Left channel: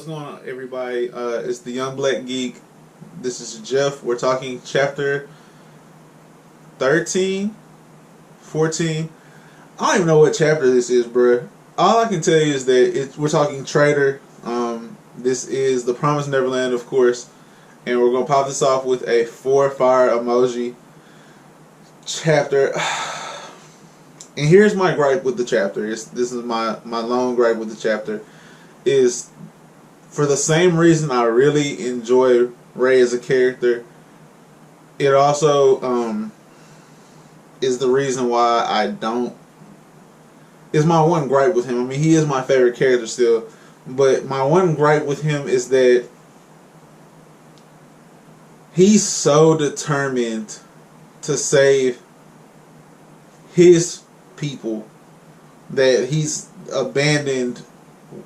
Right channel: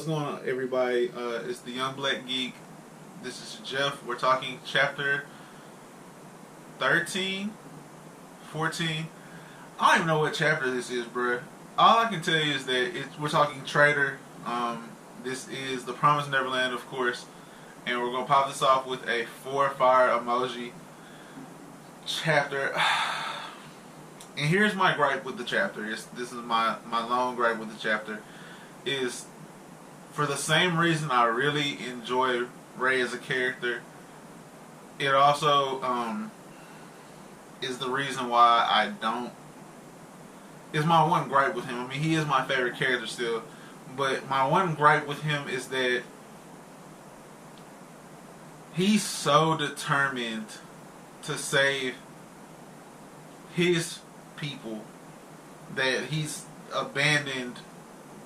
what's going on, everybody? It's the Young Black Geek. This is Jeff. We're talking chapter 13, 14. I don't even know what chapter this is, bruh. All I can tell you is that we're talking Traitor. This is the Promised Neverland, of course. And we're going to pop this off with a 4 fire emoji chapter. And here's my gripe with the chapter. This is my lone gripe with the chapter. Is for the same reason I really enjoy Ray as a character, it also is the reason why I don't. Is my one gripe with him. I mean, he is my favorite character still, but my one gripe with him is that he's so determined to save his people that he's abandoned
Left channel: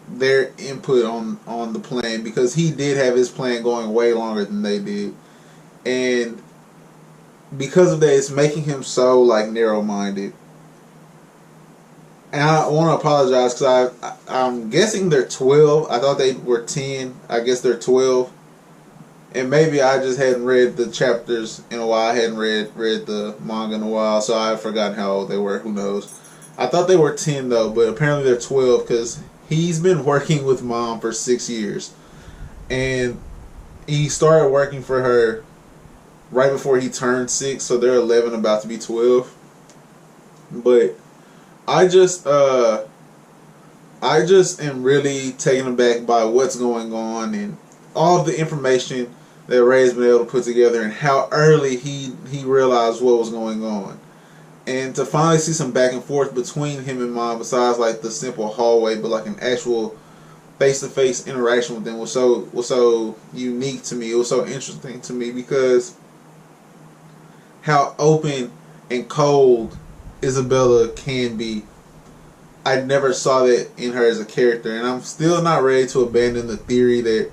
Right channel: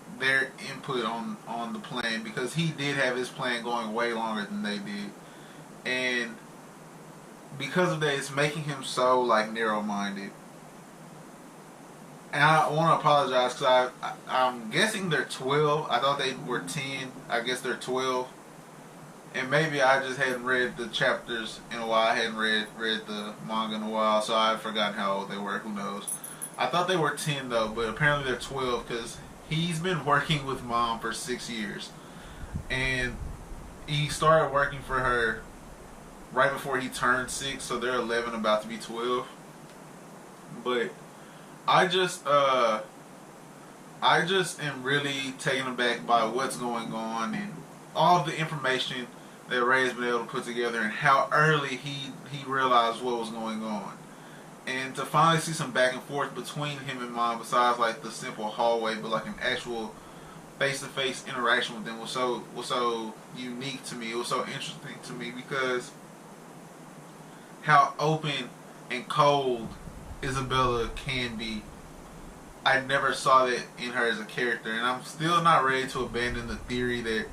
their input on the plan, because he did have his plan going way longer than they did, and because of that, it's making him so like narrow-minded. And I want to apologize because I'm guessing they're 12. I thought they were 10. I guess they're 12. And maybe I just hadn't read the chapters in a while. I hadn't read the manga in a while, so I've forgotten how old they were. Who knows? I thought they were 10 though, but apparently they're 12 because he's been working with Mom for 6 years. And he started working for her right before he turned 6, so they're 11, about to be 12. But I just am really taken aback by what's going on and all of the information that Ray's been able to put together, and how early he realized what was going on. And to finally see some back and forth between him and Mom, besides like the simple hallway, but like an actual face-to-face interaction with them was so unique to me. It was so interesting to me because how open and cold Isabella can be. I never saw that in her as a character, and I'm still not ready to abandon the theory that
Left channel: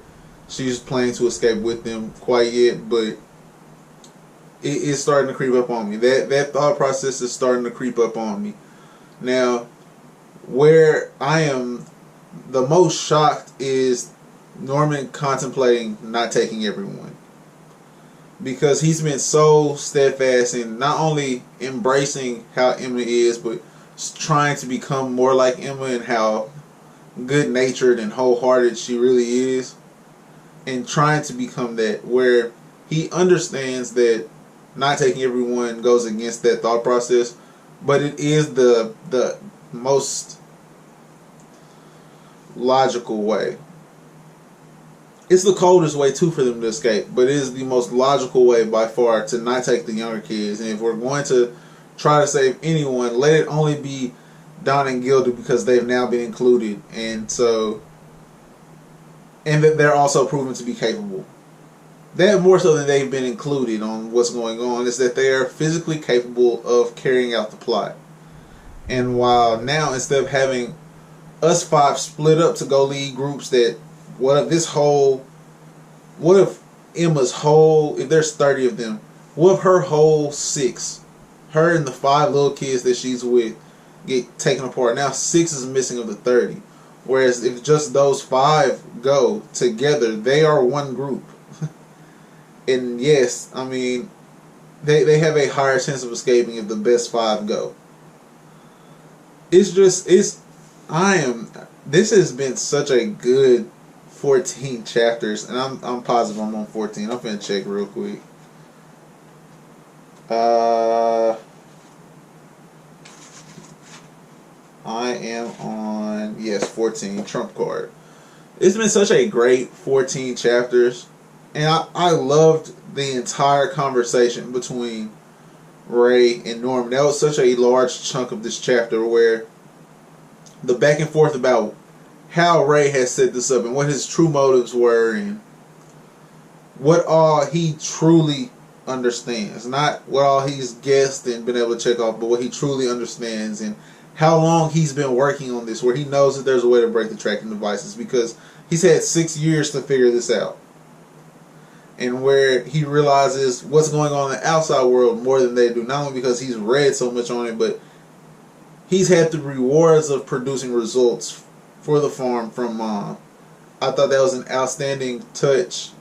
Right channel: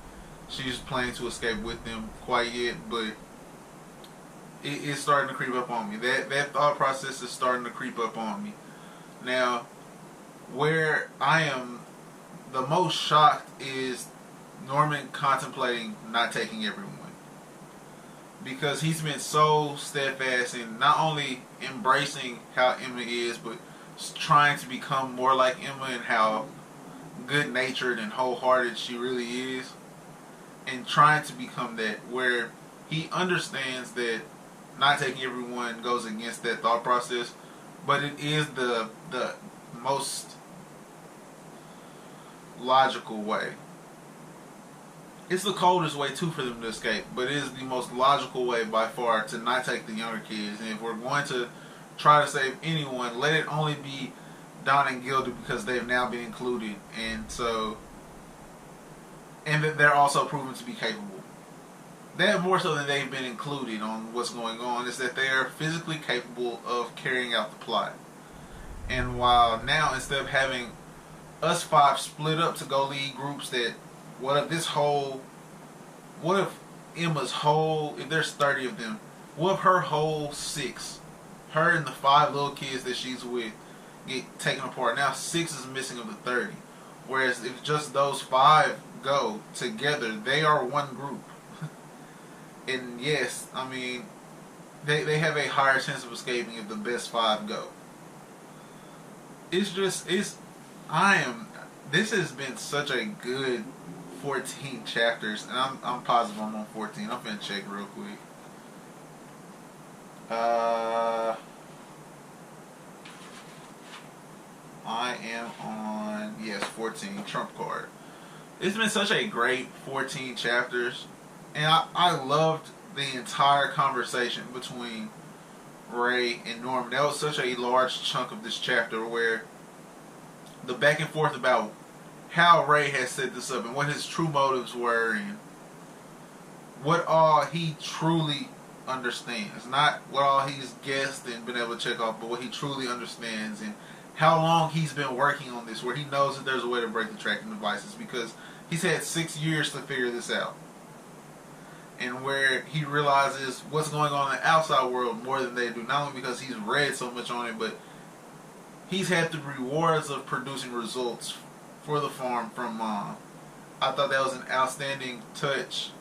she's planning to escape with them quite yet, but it's starting to creep up on me. That thought process is starting to creep up on me. Now, where I am the most shocked is Norman contemplating not taking everyone, because he's been so steadfast in not only embracing how Emma is, but trying to become more like Emma and how good-natured and wholehearted she really is, and trying to become that, where he understands that not taking everyone goes against that thought process, but it is the most logical way. It's the coldest way too for them to escape, but it is the most logical way by far to not take the younger kids. And if we're going to try to save anyone, let it only be Don and Gilda, because they've now been included, and that they're also proven to be capable. That more so than they've been included on what's going on is that they are physically capable of carrying out the plot. And while now, instead of having us 5 split up to go lead groups, that what if Emma's whole, if there's 30 of them, what if her whole 6, her and the 5 little kids that she's with, get taken apart? Now 6 is missing of the 30. Whereas if just those 5 go together, they are one group. And yes, I mean, they have a higher chance of escaping if the best 5 go. This has been such a good 14 chapters, and I'm positive I'm on 14. I'm finna check real quick. I am on, yes, 14, trump card. It's been such a great 14 chapters, and I loved the entire conversation between Ray and Norman. That was such a large chunk of this chapter, where the back and forth about how Ray has set this up and what his true motives were, and what all he truly understands. Not what all he's guessed and been able to check off, but what he truly understands, and how long he's been working on this, where he knows that there's a way to break the tracking devices, because he's had 6 years to figure this out. And where he realizes what's going on in the outside world more than they do, not only because he's read so much on it, but he's had the rewards of producing results for the farm from Mom. I thought that was an outstanding touch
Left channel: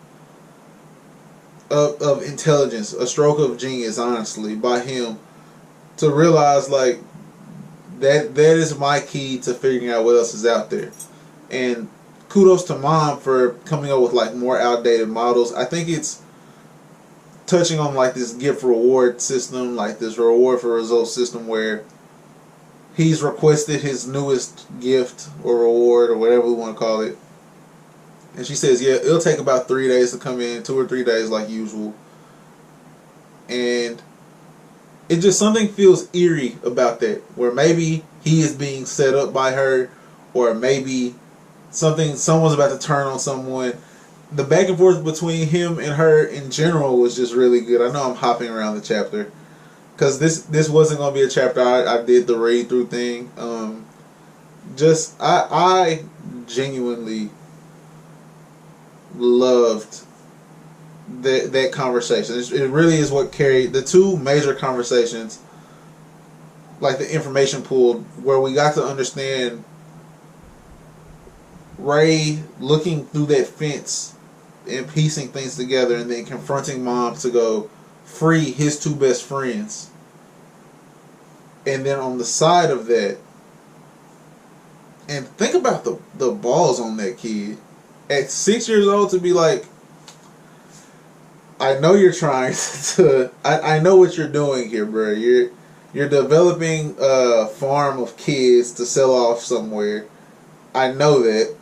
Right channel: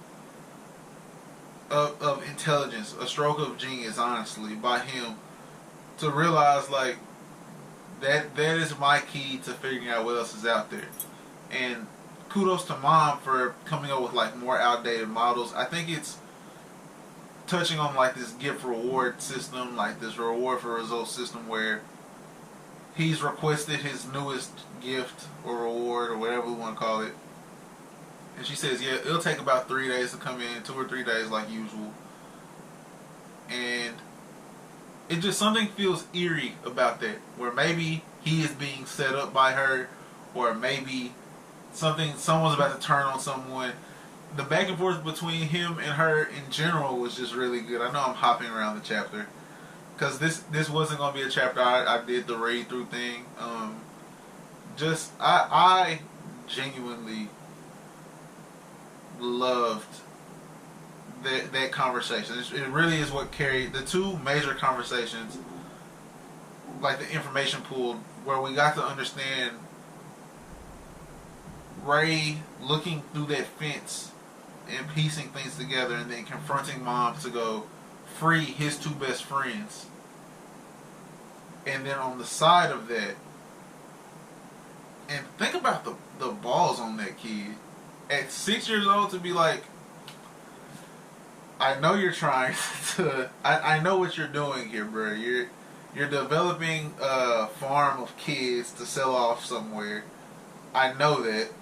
of intelligence, a stroke of genius, honestly, by him to realize like that is my key to figuring out what else is out there. And kudos to Mom for coming up with like more outdated models. I think it's touching on like this gift reward system, like this reward for results system where he's requested his newest gift or reward or whatever we want to call it. And she says, yeah, it'll take about 3 days to come in, 2 or 3 days like usual. And it just, something feels eerie about that, where maybe he is being set up by her, or maybe someone's about to turn on someone. The back and forth between him and her in general was just really good. I know I'm hopping around the chapter, because this wasn't going to be a chapter I did the read through thing. I genuinely loved that conversation. It really is what carried the two major conversations, like the information pool, where we got to understand Ray looking through that fence and piecing things together, and then confronting Mom to go free his two best friends. And then on the side of that, and think about the balls on that kid at 6 years old to be like, I know you're trying to. I know what you're doing here, bro. You're developing a farm of kids to sell off somewhere. I know that.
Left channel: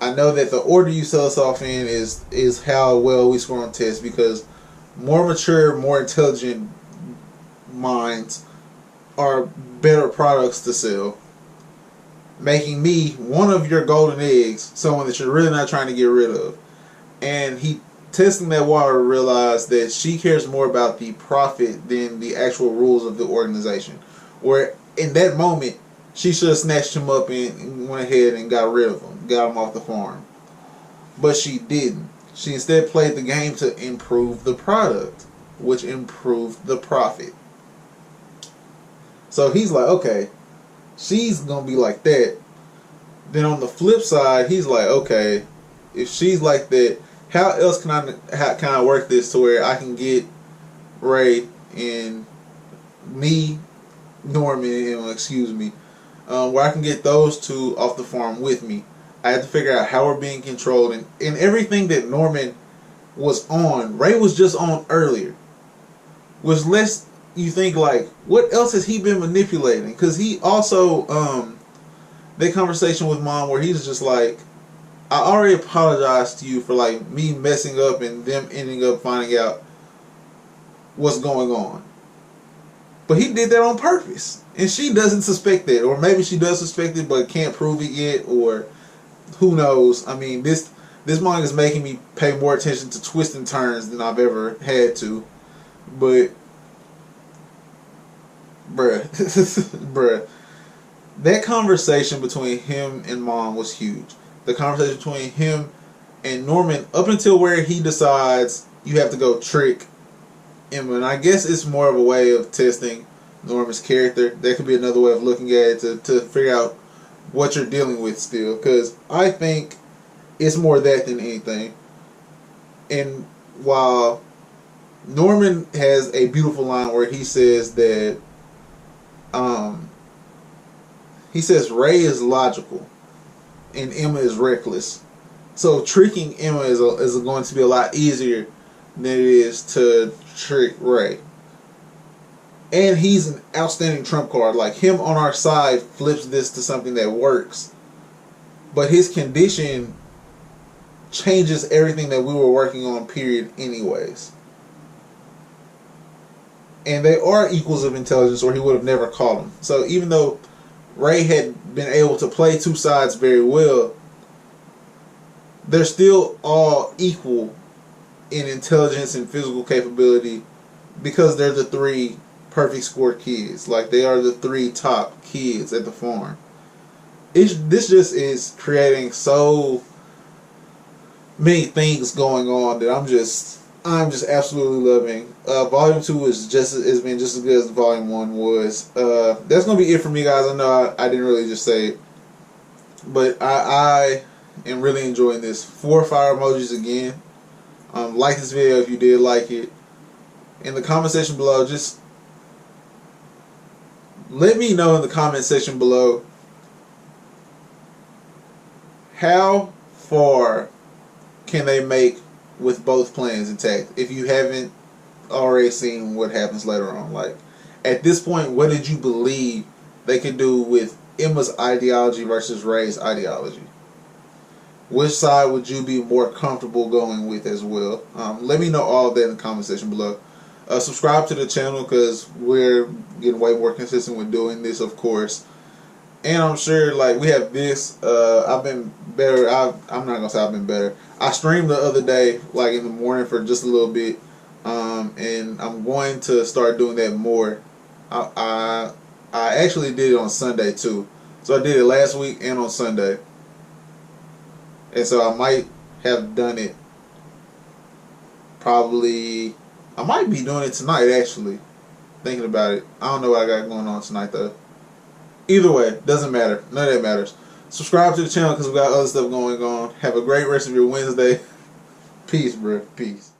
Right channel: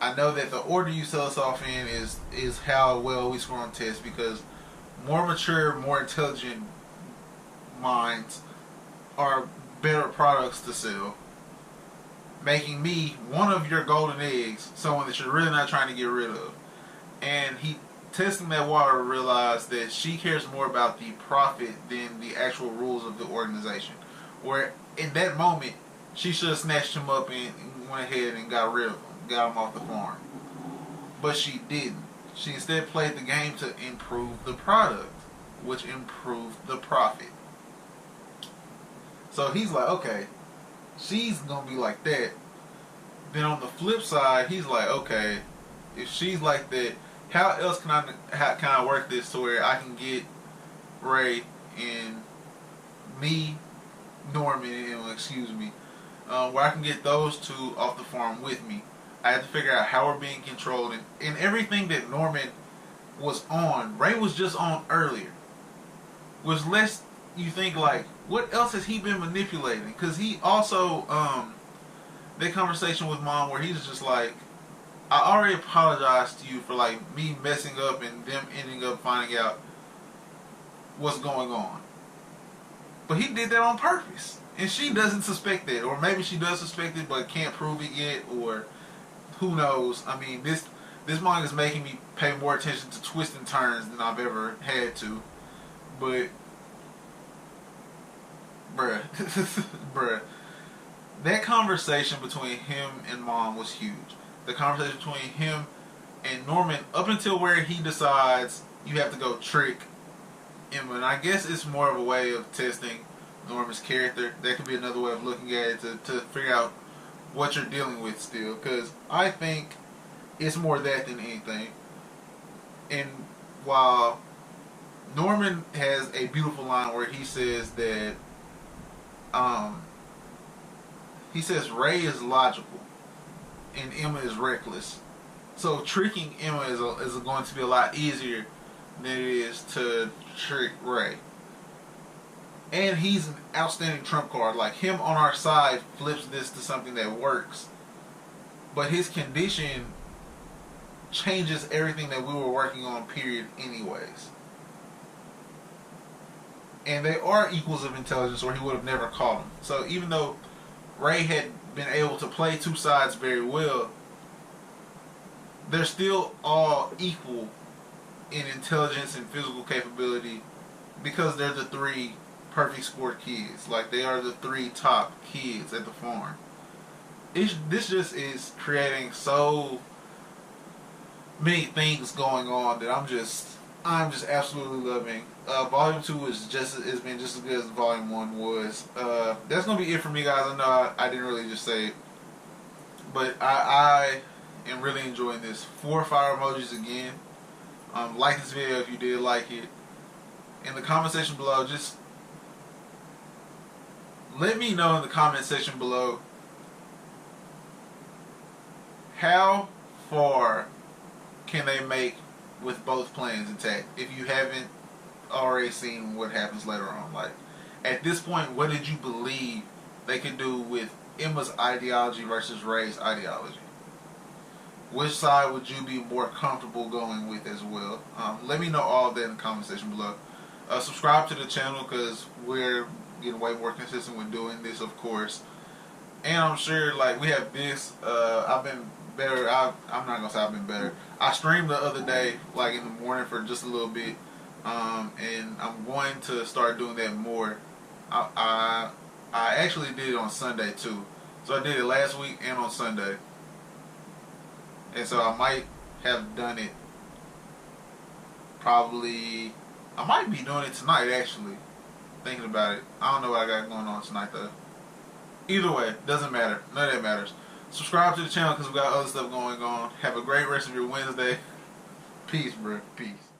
I know that the order you sell us off in is how well we score on tests, because more mature, more intelligent minds are better products to sell. Making me one of your golden eggs, someone that you're really not trying to get rid of. And he, testing that water, realized that she cares more about the profit than the actual rules of the organization. Where in that moment, she should have snatched him up and went ahead and got rid of him, got him off the farm. But she didn't. She instead played the game to improve the product, which improved the profit. So he's like, okay, she's going to be like that. Then on the flip side, he's like, okay, if she's like that, how else can I work this to where I can get Ray and me, Norman, where I can get those two off the farm with me. I had to figure out how we're being controlled, and everything that Norman was on, Ray was just on earlier. Was less, you think like, what else has he been manipulating? Because he also, that conversation with Mom where he's just like, I already apologized to you for like me messing up and them ending up finding out what's going on. But he did that on purpose. And she doesn't suspect that. Or maybe she does suspect it but can't prove it yet. Or who knows. I mean, this manga is making me pay more attention to twists and turns than I've ever had to. But, bruh. That conversation between him and Mom was huge. The conversation between him and Norman, up until where he decides you have to go trick Emma. And I guess it's more of a way of testing Norman's character. That could be another way of looking at it to figure out what you're dealing with still. Because I think it's more that than anything. And while Norman has a beautiful line where he says that he says Ray is logical and Emma is reckless. So tricking Emma is going to be a lot easier than it is to trick Ray. And he's an outstanding trump card. Like, him on our side flips this to something that works. But his condition changes everything that we were working on, period, anyways. And they are equals of intelligence, or he would have never caught them. So even though Ray had been able to play two sides very well, they're still all equal in intelligence and physical capability, because they're the three perfect score kids. Like, they are the three top kids at the farm. This just is creating so many things going on that I'm just absolutely loving. Volume 2 has been just as good as Volume 1 was. That's gonna be it for me, guys. I know I didn't really just say it, but I and really enjoying this. 4 fire emojis again. Like this video if you did like it. In the comment section below, just let me know in the comment section below how far can they make with both plans intact. If you haven't already seen what happens later on, like at this point, what did you believe they could do with Emma's ideology versus Ray's ideology? Which side would you be more comfortable going with as well? Let me know all of that in the comment section below. Subscribe to the channel because we're getting way more consistent with doing this, of course. And I'm sure, like, we have this. I've been better. I'm not gonna say I've been better. I streamed the other day, like in the morning, for just a little bit, and I'm going to start doing that more. I actually did it on Sunday too, so I did it last week and on Sunday, and so I might have done it. Probably, I might be doing it tonight. Actually, thinking about it, I don't know what I got going on tonight though. Either way, doesn't matter. None of that matters. Subscribe to the channel because we got other stuff going on. Have a great rest of your Wednesday. Peace, bro. Peace.